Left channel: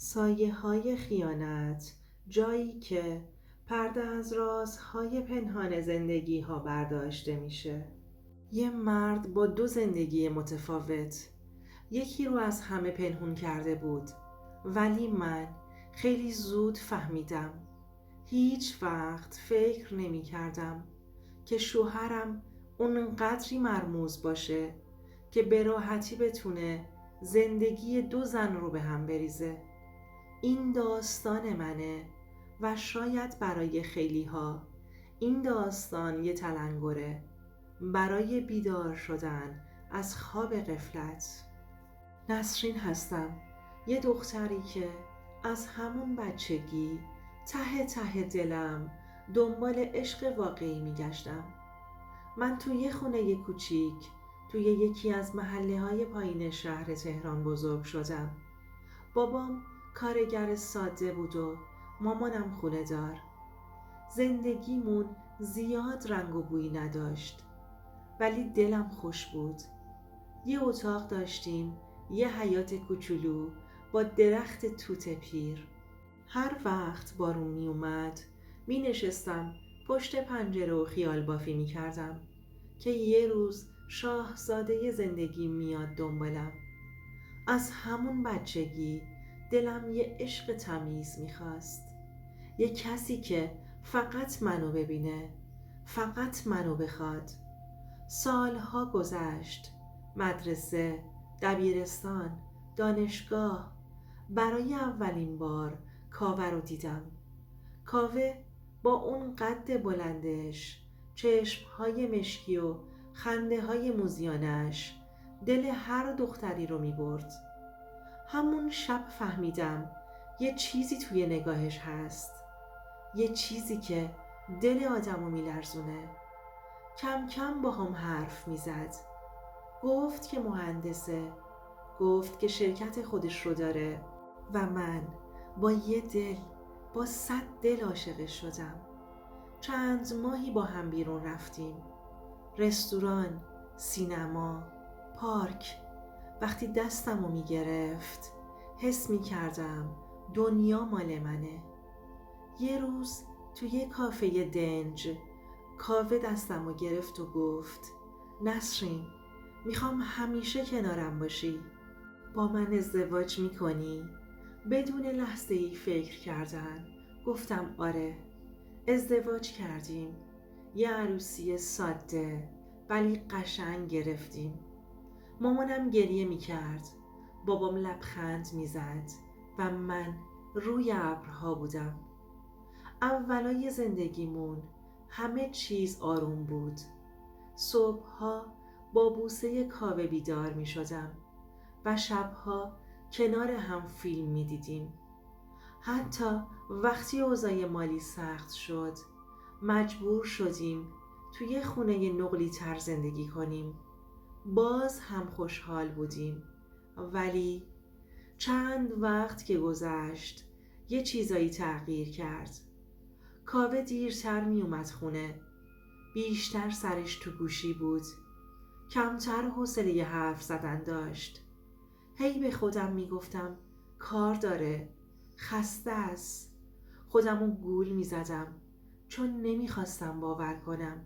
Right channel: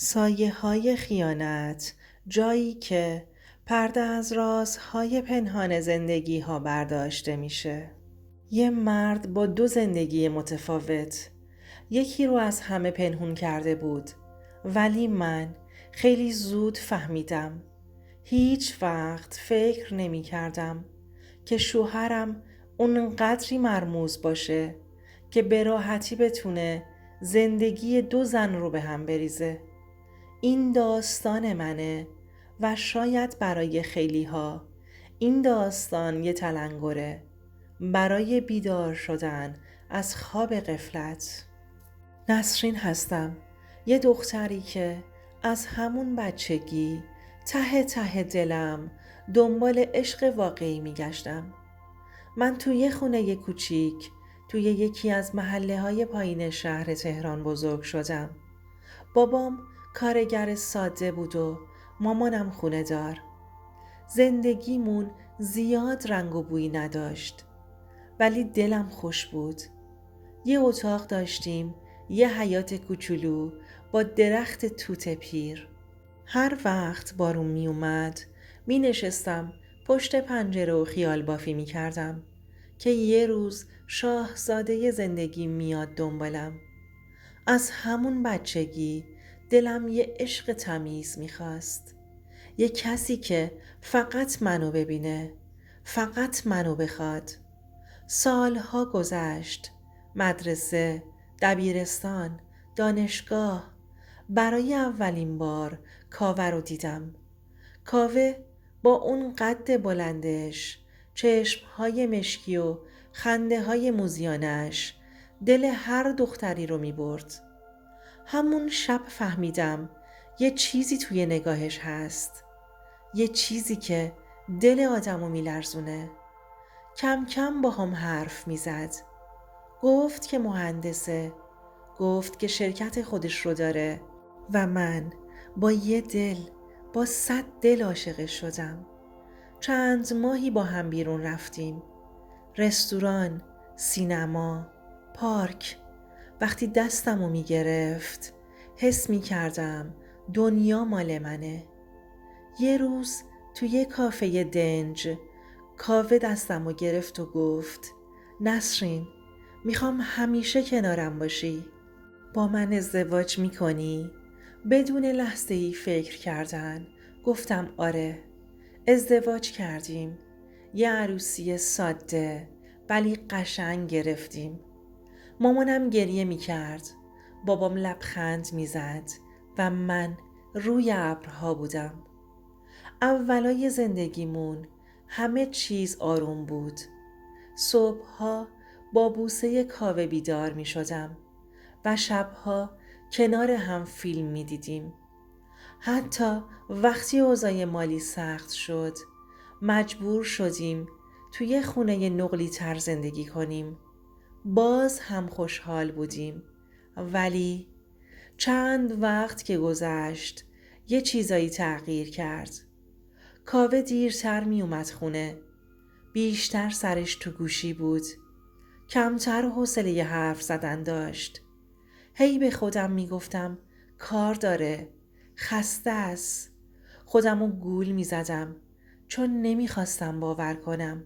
سایه‌های خیانت، جایی که پرده از رازهای پنهان زندگی‌ها برداشته میشه. یه مرد با دو زندگی متفاوت، یکی رو از همه پنهون کرده بود، ولی من خیلی زود فهمیدم. هیچ وقت فکر نمی کردم که شوهرم اونقدری مرموز باشه که به راحتی بتونه زندگی دو زن رو به هم بریزه. این داستان منه و شاید برای خیلی ها این داستان یه تلنگره برای بیدار شدن از خواب غفلت. نسرین هستم، یه دختری که از همون بچگی ته ته دلم دنبال عشق واقعی میگشتم. من توی یه خونه کوچیک توی یکی از محله‌های پایین شهر تهران بزرگ شدم. بابام کارگر ساده بود و مامانم خونه دار. زندگیمون زیاد رنگ و بویی نداشت، ولی دلم خوش بود. یه اتاق داشتیم، یه حیاط کوچولو با درخت توت پیر. هر وقت بارون می اومد می نشستم پشت پنجره و خیال بافی می کردم که یه روز شاهزاده زندگی میاد دنبالم. از همون بچگی دلم یه عشق تمیز میخواست، یه کسی که فقط منو ببینه، فقط منو بخواد. سالها گذشت، مدرسه، دبیرستان، دانشگاه. برای اولین بار کاوه رو دیدم. کاوه با اون قد بلندش، چشمهای مشکی و خنده های موزیانش دل هر دختری رو می برد. همون شب فهمیدم یه چیزی توی نگاهش هست، یه چیزی که دل آدمو می لرزونه. کم کم با هم حرف می زد. گفت که مهندسه، گفت که شرکت خودش رو داره و من با یه دل، با 100 دل عاشقش شدم. چند ماهی با هم بیرون رفتیم، رستوران، سینما، پارک. وقتی دستمو می گرفت حس می کردم دنیا مال منه. یه روز توی یه کافه دنج کاوه دستمو گرفت و گفت نسرین، میخوام همیشه کنارم باشی. با من ازدواج میکنی؟ بدون لحظه ای فکر کردن گفتم آره. ازدواج کردیم، یه عروسی ساده ولی قشنگ گرفتیم. مامانم گریه میکرد، بابام لبخند میزد و من روی ابرها بودم. اولای زندگیمون همه چیز آروم بود. صبحها با بوسه کاوه بیدار می شدم و شبها کنار هم فیلم می دیدیم. حتی وقتی اوضاع مالی سخت شد مجبور شدیم توی خونه نقلی تر زندگی کنیم. باز هم خوشحال بودیم، ولی چند وقت که گذشت یه چیزایی تغییر کرد. کاوه دیرتر می اومد خونه، بیشتر سرش تو گوشی بود، کمتر حوصله حرف زدن داشت. هی به خودم می گفتم کار داره، خسته است. خودمو گول می زدم چون نمی خواستم باور کنم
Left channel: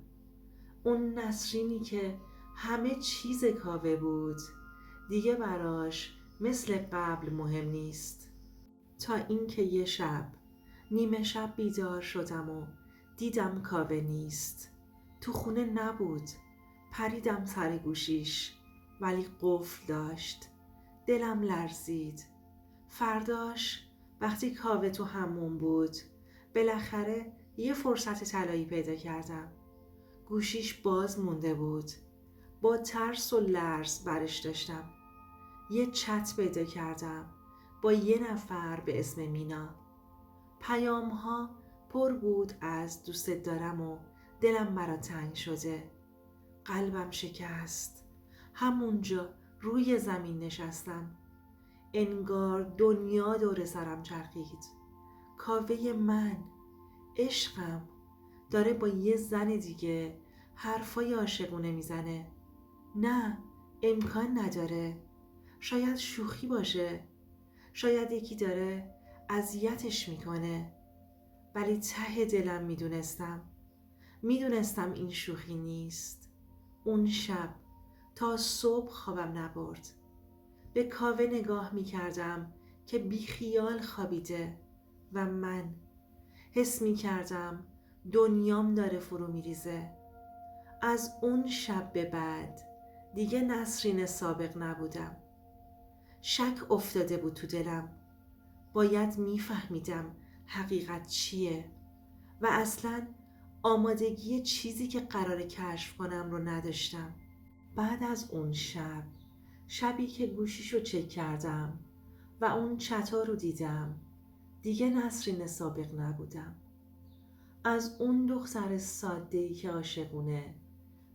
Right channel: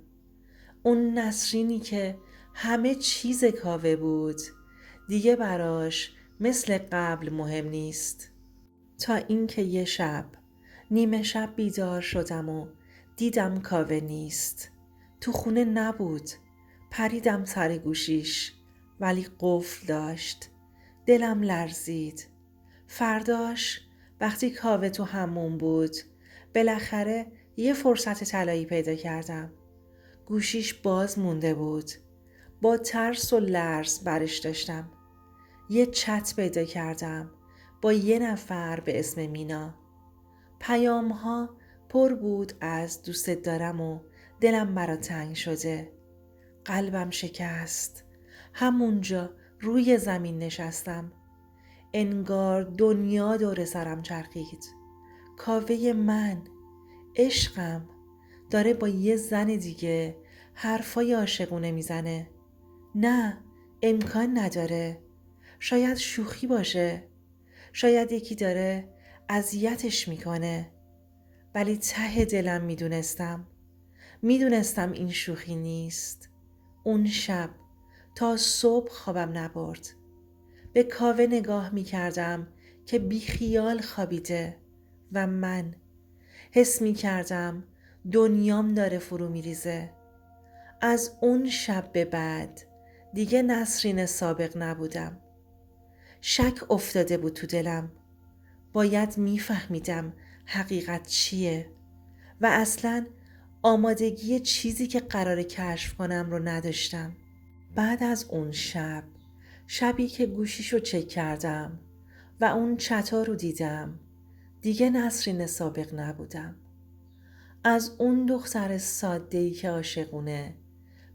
اون نسرینی که همه چیز کاوه بود دیگه براش مثل قبل مهم نیست. تا اینکه یه شب نیمه شب بیدار شدم و دیدم کاوه نیست. تو خونه نبود. پریدم سر گوشیش ولی قفل داشت. دلم لرزید. فرداش وقتی کاوه تو همون بود بالاخره یه فرصت طلایی پیدا کردم. گوشیش باز مونده بود. با ترس و لرز برش داشتم. یه چت پیدا کردم با یه نفر به اسم مینا. پیام ها پر بود از دوستت دارم و دلم برا تنگ شده. قلبم شکست. همونجا روی زمین نشستم. انگار دنیا دور سرم چرخید. کاوه من، عشقم، داره با یه زن دیگه حرفای عاشقونه میزنه. نه، امکان نداره. شاید شوخی باشه. شاید یکی داره اذیتش میکنه. ولی ته دلم میدونستم این شوخی نیست. اون شب تا صبح خوابم نبرد. به کاوه نگاه میکردم که بیخیال خوابیده و من حس میکردم دنیام داره فرو میریزه. از اون شب به بعد دیگه نسرین سابق نبودم. شک افتاده بود تو دلم. باید میفهمیدم حقیقت چیه و اصلاً آمادگی چیزی که قرار کشف کنم رو نداشتم. بعد از اون شبی که گوشیشو چک کردم و اون چتا رو دیدم، دیگه نسرین سابق نبودم. از اون دختر ساده‌ای که عاشقونه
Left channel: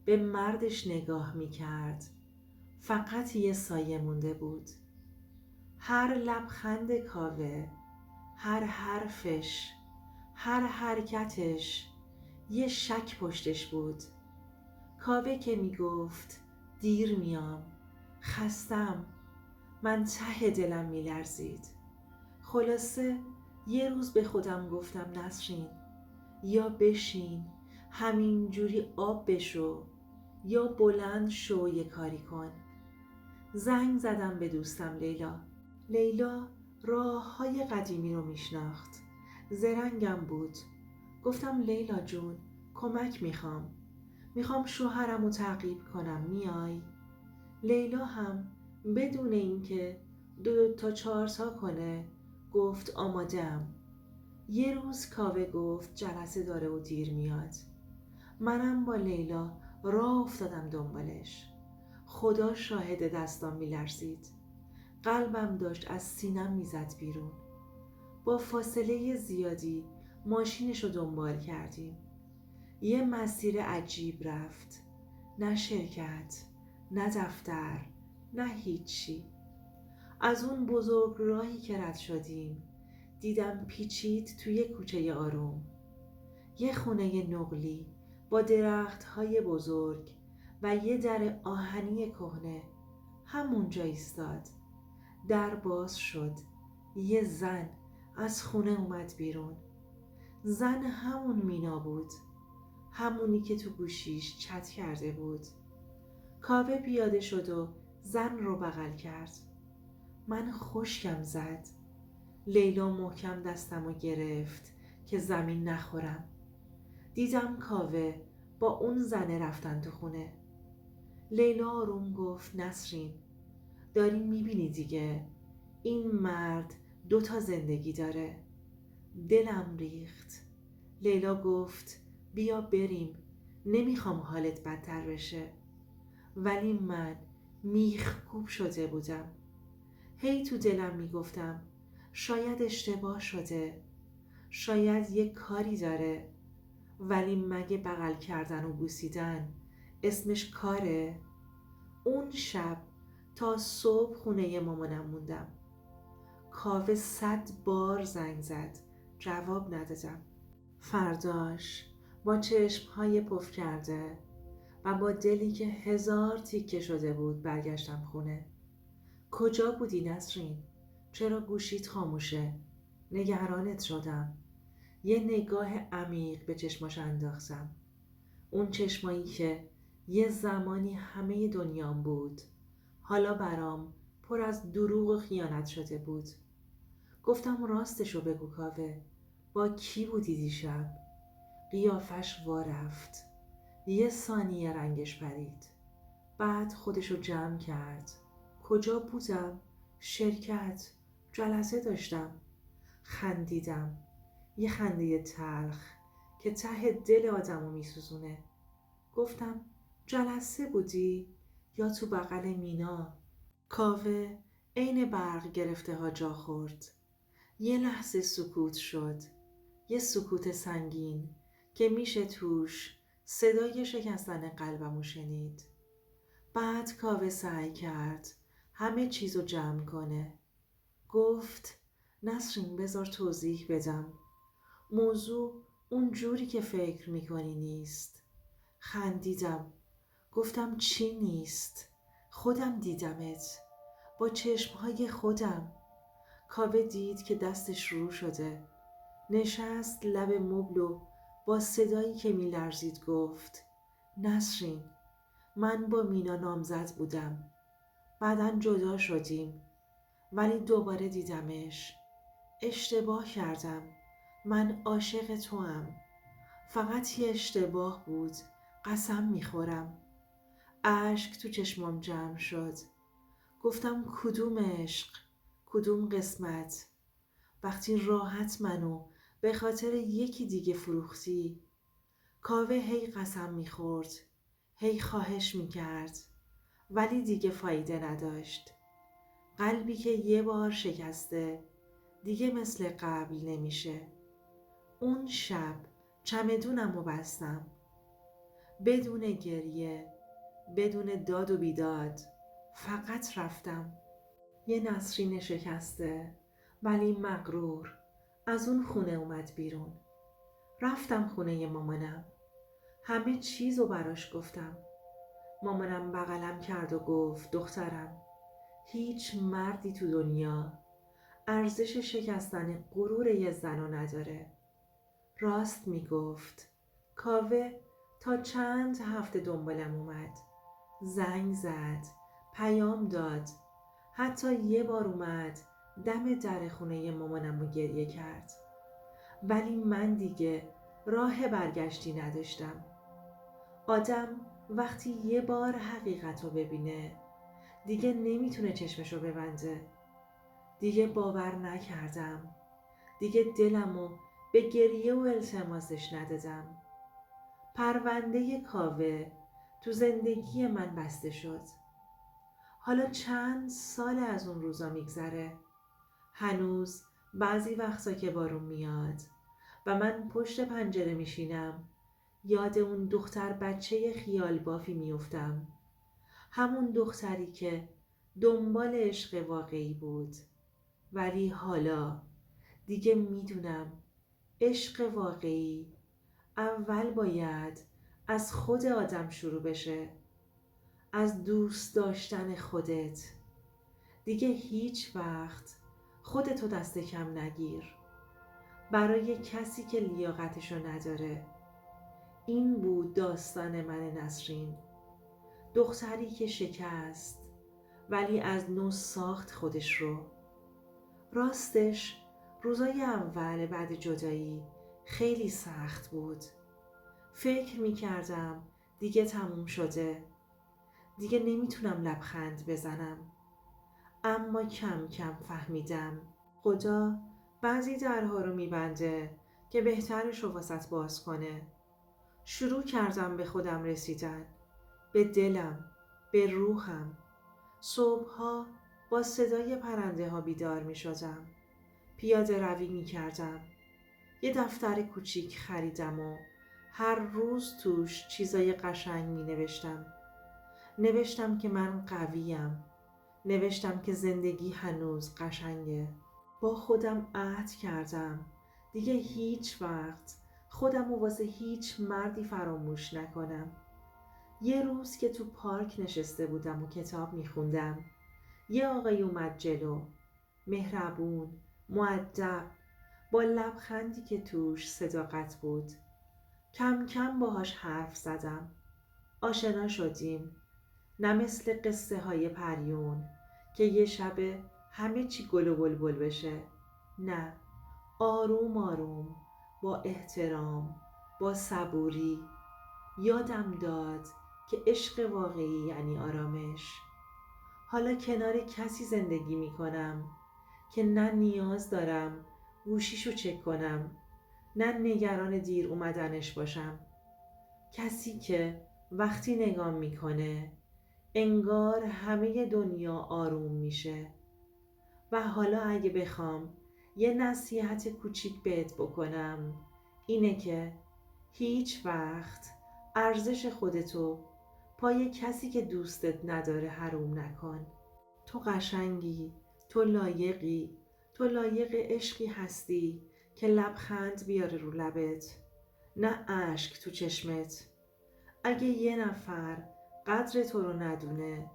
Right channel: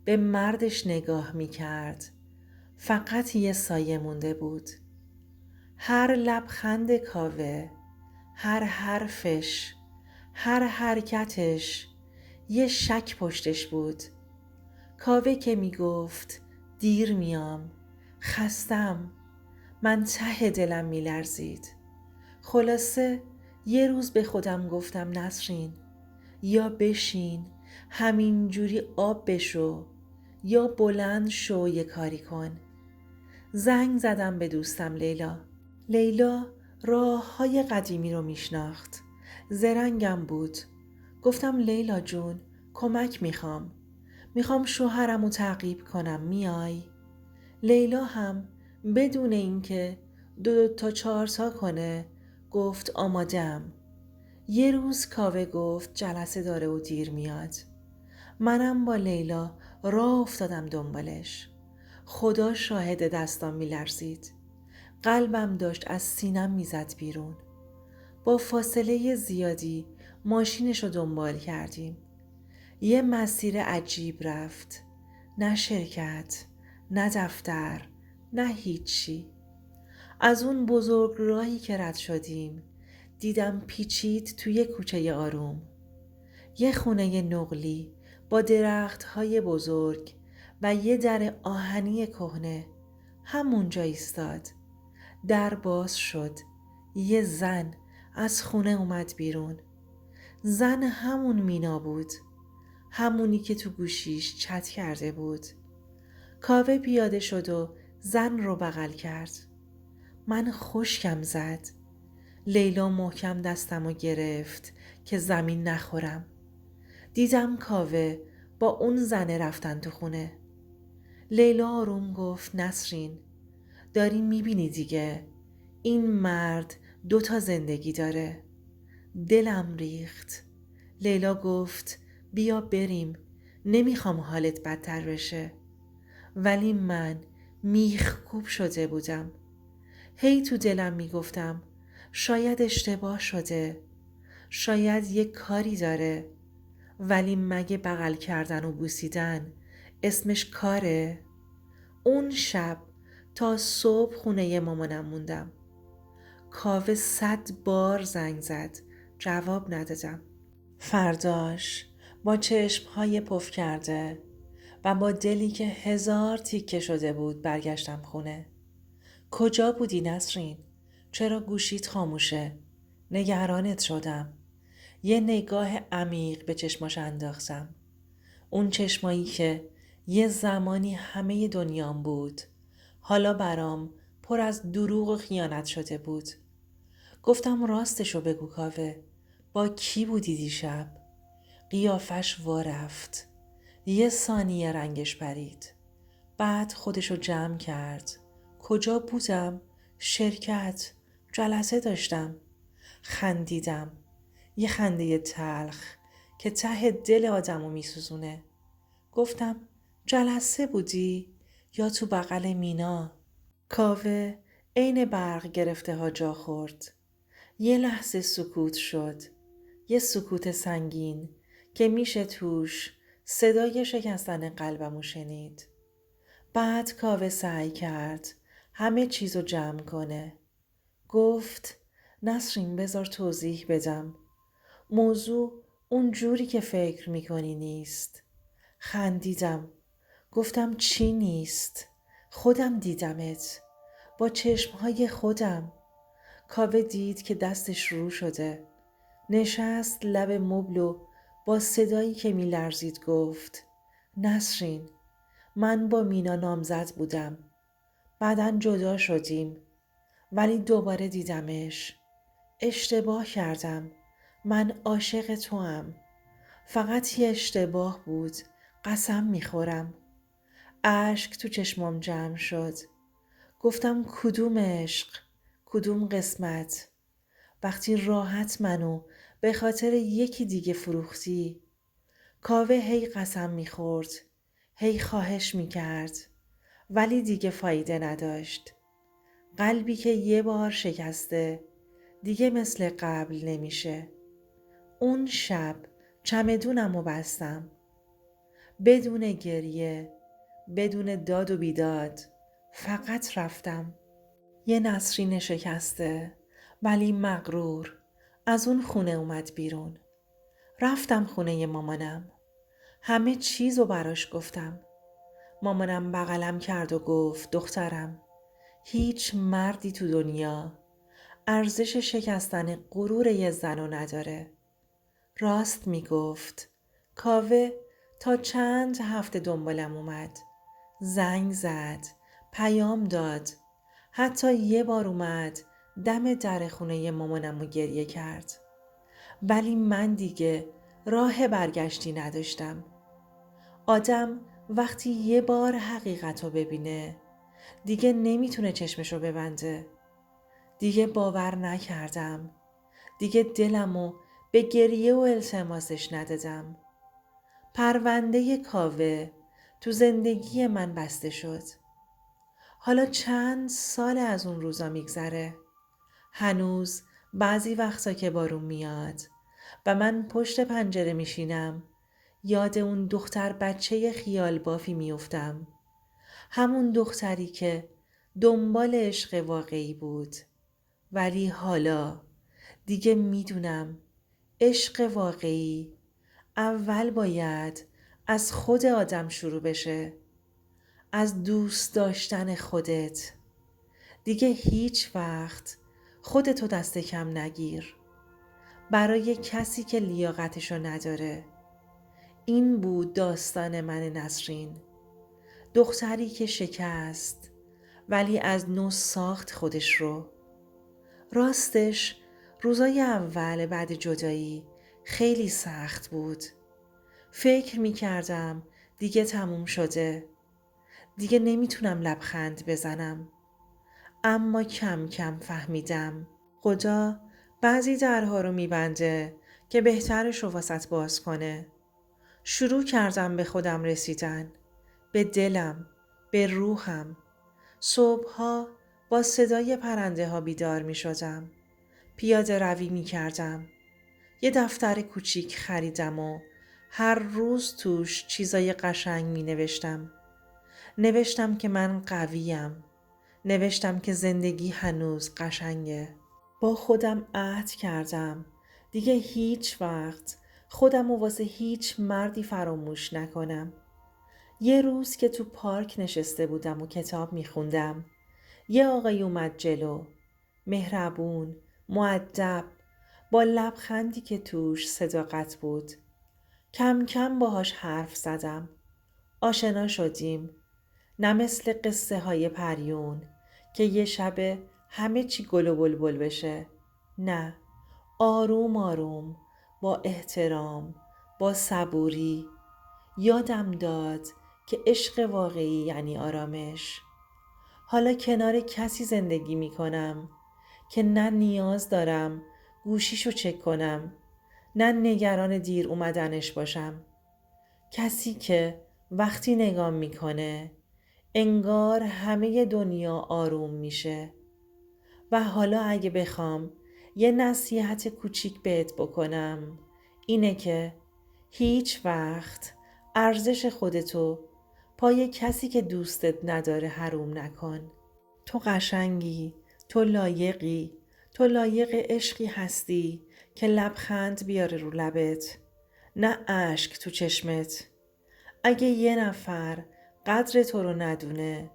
به مردش نگاه میکرد فقط یه سایه مونده بود. هر لبخند کاوه، هر حرفش، هر حرکتش یه شک پشتش بود. کاوه که میگفت دیر میام، خستم، من ته دلم میلرزید. خلاصه یه روز به خودم گفتم نسرین، یا بشین همین جوری آب بشو یا بلند شو یه کاری کن. زنگ زدم به دوستم لیلا راه های قدیمی رو میشناخت. زرنگم بود. گفتم لیلا جون کمک میخوام شوهرم رو تعقیب کنم، میای؟ لیلا هم بدون اینکه 2 تا 4 تا کنه گفت آمادم. یه روز کاوه گفت جلسه داره و دیر میاد. منم با لیلا راه افتادم دنبالش. خدا شاهد دستام میلرزید. قلبم داشت از سینم میزد بیرون. با فاصله زیادی ماشینش رو دنبال کردیم. یه مسیر عجیب رفت. نه شرکت، نه دفتر، نه هیچی. از اون بزرگ راهی که رد شدیم دیدم پیچید توی کوچه آروم. یه خونه نقلی با درخت‌های بزرگ و یه در آهنی کهنه همونجا ایستاد. در باز شد. یه زن از خونه اومد بیرون. زن همون مینا بود. همونی که تو گوشیش چت کرده بود. کاوه پیاده شد و زن رو بغل کرد. من خشکم زد. لیلا محکم دستمو گرفت که زمین نخورم. دیدم کاوه با اون زنه رفتن تو خونه. لیلا آروم گفت نسرین، داری میبینی دیگه، این مرد 2 تا زندگی داره. دلم ریخت. لیلا گفت بیا بریم، نمیخوام حالت بدتر بشه. ولی من میخکوب شده بودم. هی تو دلم میگفتم شاید اشتباه شده، شاید یه کاری داره. ولی مگه بغل کردن و بوسیدن اسمش کاره؟ اون شب تا صبح خونه مامانم موندم. کاوه 100 بار زنگ زد، جواب ندادم. فرداش با چشمهای پف کرده و با دلی که 1000 تیکه شده بود برگشتم خونه. کجا بودی نسرین؟ چرا گوشیت خاموشه؟ نگرانت شدم. یه نگاه عمیق به چشماش انداختم. اون چشمایی که یه زمانی همه دنیام بود، حالا برام پر از دروغ و خیانت شده بود. گفتم راستشو بگو کاوه، با کی بودی دیشب؟ قیافش وارفت. یه ثانیه رنگش پرید. بعد خودشو جمع کرد. کجا بودم؟ شرکت، جلسه داشتم. خندیدم. یه خنده تلخ که ته دل آدمو میسوزونه. گفتم جلسه بودی یا تو بغل مینا؟ کاوه عین برق گرفته ها جا خورد. یه لحظه سکوت شد. یه سکوت سنگین که میشه توش صدای شکستن قلبمو شنید. بعد کاوه سعی کرد همه چیزو جمع کنه. گفت نسرین بذار توضیح بدم. موضوع اون جوری که فکر میکنی نیست. خندیدم. گفتم چی نیست؟ خودم دیدمت با چشمهای خودم. کاوه دید که دستش رو شده. نشست لب مبل و با صدایی که می‌لرزید گفت: نسرین، من با مینا نامزد بودم. بعداً جدا شدیم، ولی دوباره دیدمش. اشتباه کردم. من عاشق توام. فقط یه اشتباه بود. قسم میخورم. اشک تو چشمام جمع شد. گفتم کدوم عشق؟ کدوم قسمت؟ وقتی راحت منو به خاطر یکی دیگه فروختی. کاوه هی قسم میخورد، هی خواهش میکرد، ولی دیگه فایده نداشت. قلبی که یه بار شکسته دیگه مثل قبل نمیشه. اون شب چمدونمو بستم. بدون گریه، بدون داد و بیداد، فقط رفتم. یه نسرین شکسته ولی مغرور از اون خونه اومد بیرون. رفتم خونه مامانم. همه چیزو براش گفتم. مامانم بغلم کرد و گفت: دخترم، هیچ مردی تو دنیا ارزش شکستن غرور یه زنو نداره. راست میگفت. کاوه تا چند هفته دنبالم اومد. زنگ زد، پیام داد، حتی یه بار اومد دم در خونه مامانم رو گریه کرد. ولی من دیگه راه برگشتی نداشتم. آدم وقتی یه بار حقیقت رو ببینه دیگه نمیتونه چشمشو ببنده. دیگه باور نکردم. دیگه دلمو به گریه و التماسش ندادم. پرونده کاوه تو زندگی من بسته شد. حالا چند سال از اون روزا میگذره. هنوز بعضی وقتا که بارون میاد و من پشت پنجره میشینم یاد اون دختر بچه خیال بافی میافتم. همون دختری که دنبال عشق واقعی بود. ولی حالا دیگه میدونم عشق واقعی اول باید از خود آدم شروع بشه. از دوست داشتن خودت. دیگه هیچ وقت خودتو دست کم نگیر برای کسی که لیاقتشو نداره. این بود داستان من نسرین. دختری که شکست ولی از نو ساخت خودش رو. راستش روزای اول بعد جدایی خیلی سخت بود. فکر می کردم دیگه تموم شده. دیگه نمیتونم لبخند بزنم. اما کم کم فهمیدم خدا بعضی درها رو میبنده که بهترش رو واسط باز کنه. شروع کردم به خودم رسیدن. به دلم، به روحم. صبحها با صدای پرنده ها بیدار می شدم. پیاده روی می کردم. یه دفتر کوچیک خریدم و هر روز توش چیزای قشنگ می نوشتم. نوشتم که من قویم. نوشتم که زندگی هنوز قشنگه. با خودم عهد کردم دیگه هیچ وقت خودم و واسه هیچ مردی فراموش نکنم. یه روز که تو پارک نشسته بودم و کتاب میخوندم یه آقای اومد جلو. مهربون، مؤدب، با لبخندی که توش صداقت بود. کم کم باهاش حرف زدم. آشنا شدیم. نه مثل قصه های پریون که یه شب همه چی گل و بلبل بشه. نه، آروم آروم، با احترام، با صبوری. یادم داد که عشق واقعی یعنی آرامش. حالا کنار کسی زندگی می کنم که نه نیاز دارم گوشیشو چک کنم، نه نگران دیر اومدنش باشم. کسی که وقتی نگام میکنه انگار همه دنیا آروم میشه. و حالا اگه بخوام یه نصیحت کوچیک بهت بکنم اینه که هیچ وقت ارزش خودتو پای کسی که دوستت نداره حروم نکن. تو قشنگی، تو لایقی، تو لایق عشقی هستی که لبخند بیاره رو لبت، نه اشک تو چشمت. اگه یه نفر قدر تو رو ندونه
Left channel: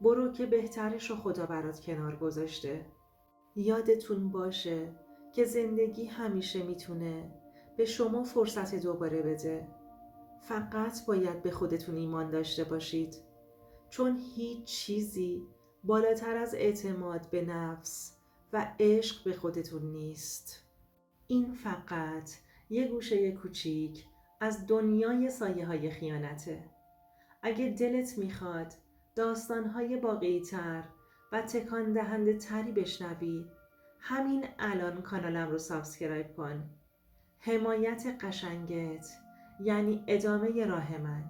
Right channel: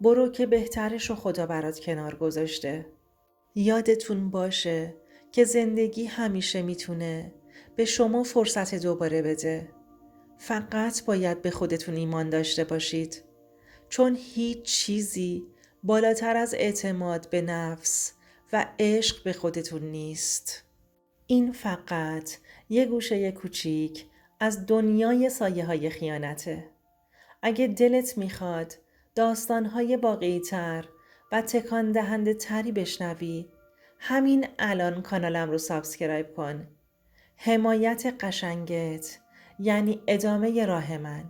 برو که بهترش رو خدا برات کنار گذاشته. یادتون باشه که زندگی همیشه میتونه به شما فرصت دوباره بده. فقط باید به خودتون ایمان داشته باشید، چون هیچ چیزی بالاتر از اعتماد به نفس و عشق به خودتون نیست. این فقط یه گوشه کوچیک از دنیای سایه های خیانته. اگه دلت میخواد داستانهای واقعی تر و تکان دهنده تری بشنوی، همین الان کانالم رو سابسکرایب کن. حمایت قشنگت یعنی ادامه راه من.